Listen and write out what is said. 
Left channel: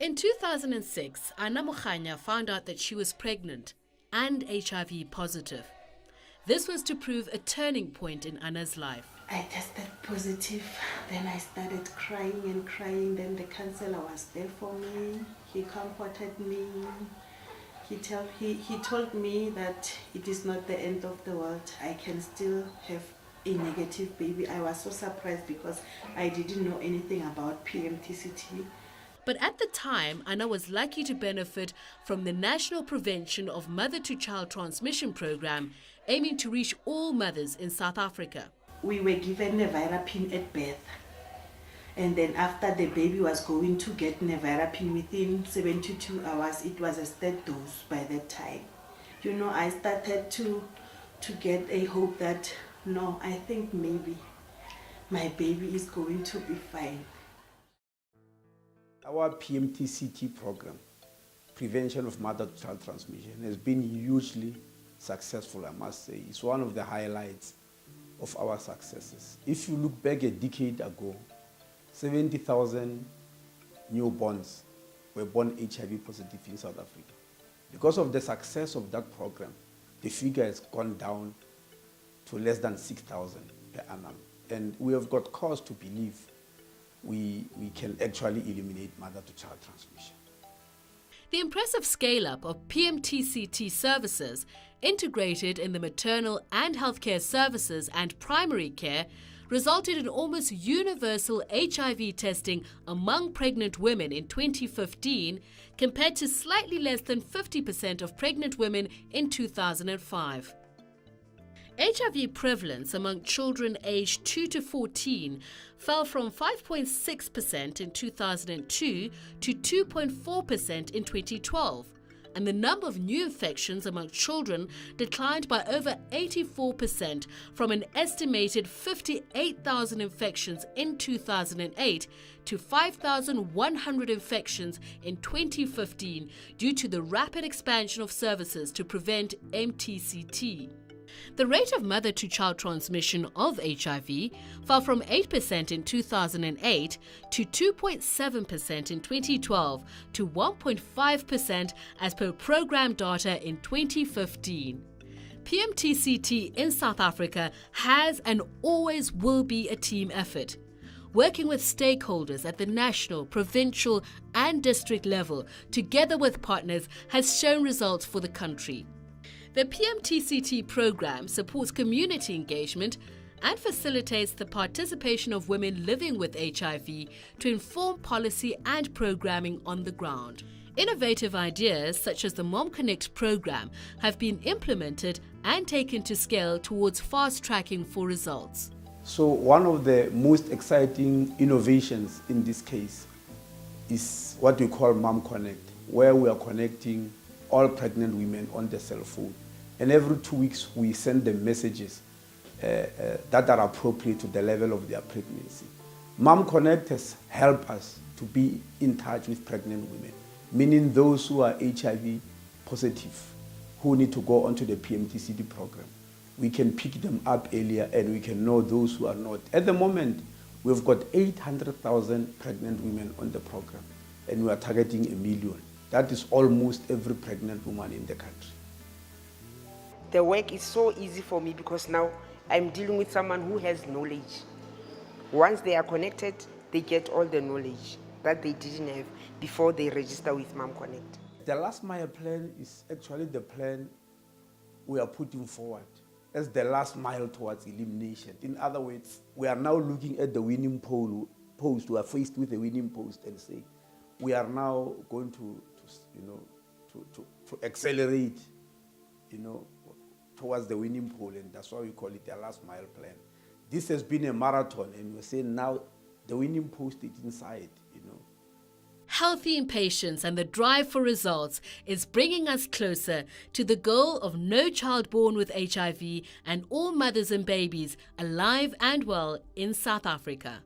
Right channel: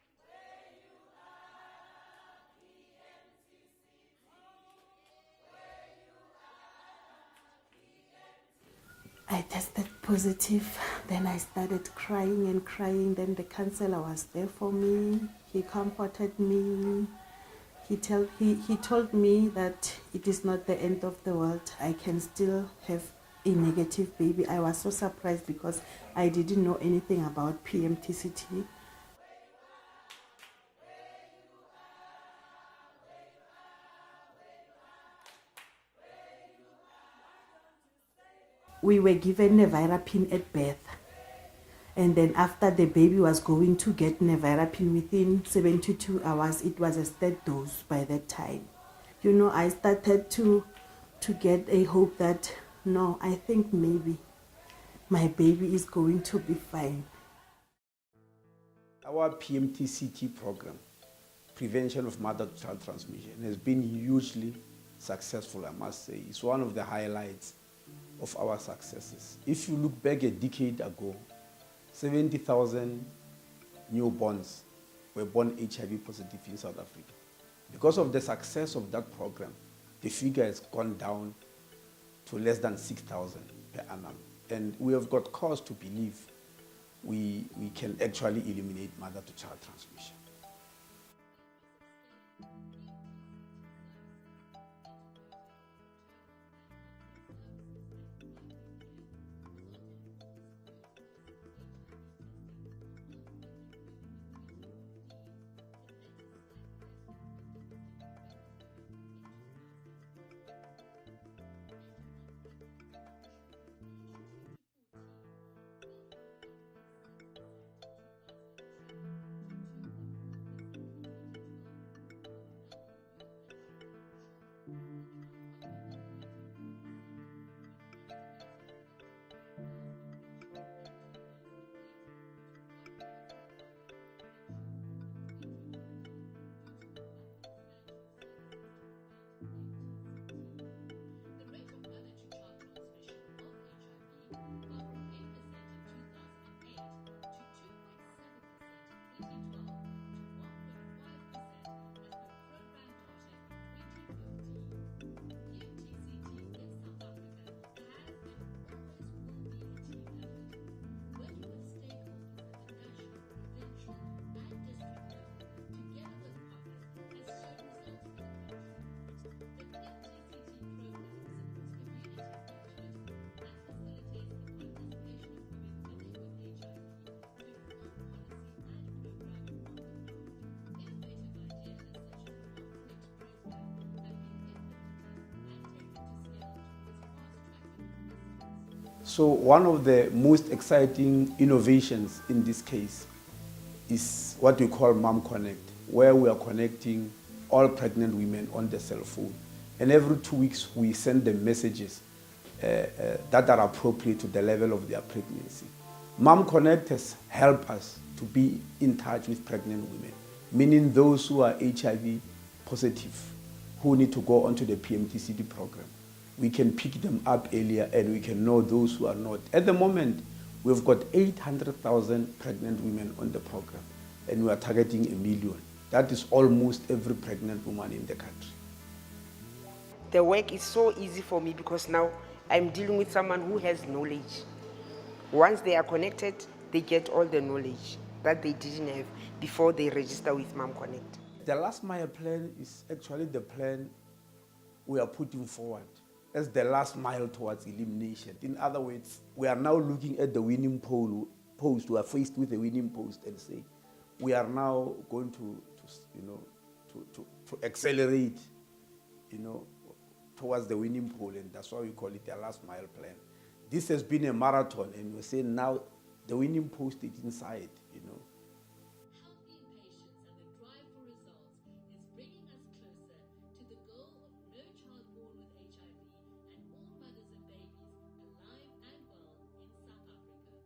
In 2006, Anna Mukhanya found out that she was pregnant and HIV positive. This was to prove a turning point in Anna's life. I tested positive, then I started crying and crying. Then the counselor was there for me. He comforted me. He told me that it is not the end of the world. I can still have a negative baby. I was so surprised because I didn't know anything about PMTCT. But at the time, Anna was lucky to benefit from the National Prevention of Mother-to-Child Transmission program, aiming to reach all mothers in South Africa. We were given nevirapine at birth. And then after the baby was going to get nevirapine within 72 hours, it was a third dose by that time. I started to get a hope that, no, I think maybe my baby is going to be fine. Our PMTCT program, Prevention of Mother-to-Child Transmission, has been hugely successful, I must say. It's one of the highlights of our successes. If you look back a decade ago, 70,000 newborns were born HIV positive in South Africa. Because of the success of that program, the figure has gone down to less than 6,000 per annum. And we have got cause to believe we can actually eliminate mother-to-child transmission. The impressive scale-up of PMTCT services integrated in the maternal and healthcare services and primary care resulted in almost universal HIV testing among pregnant women in 2015 compared to slightly less than 50% of pregnant women in 2005. HIV prevalence among children aged 2 to 14 fell from 5.6% in 2002 to 2.4% in 2012, and the number of new infections among children declined by over 84% from an estimated 58,000 infections in 2008 to 5,100 infections in 2015 due to the rapid expansion of services to prevent MTCT. The rate of mother-to-child transmission of HIV fell from 8% in 2008 to 2.7% in 2012 to 1.5% as per program data in 2015. PMTCT in South Africa has and always will be a team effort. Working with stakeholders at the national, provincial and district level, together with partners, has shown results for the country. The PMTCT program supports community engagement and facilitates the participation of women living with HIV to inform policy and programming on the ground. Innovative ideas such as the Mom Connect program have been implemented and taken to scale towards fast-tracking for results. So one of the most exciting innovations in this case is what we call Mom Connect, where we are connecting all pregnant women on the cell phone. And every 2 weeks, we send them messages that are appropriate to the level of their pregnancy. Mom Connect has helped us to be in touch with pregnant women, meaning those who are HIV positive, who need to go onto the PMTCT program. We can pick them up earlier and we can know those who are not. At the moment, we've got 800,000 pregnant women on the program, and we are targeting 1 million. That is almost every pregnant woman in the country. The work is so easy for me because now I'm dealing with someone who has knowledge. Once they are connected, they get all the knowledge that they didn't have before they register with Mom Connect. The last mile plan is actually the plan we are putting forward as the last mile towards elimination. In other words, we are now looking at the winning post. We are faced with the winning post and say, we are now going to accelerate, towards the winning pole, and that's why we call it the last mile plan. This has been a marathon, and we're saying now the winning post is inside, Healthy impatience and the drive for results is bringing us closer to the goal of no child born with HIV and all mothers and babies alive and well in South Africa.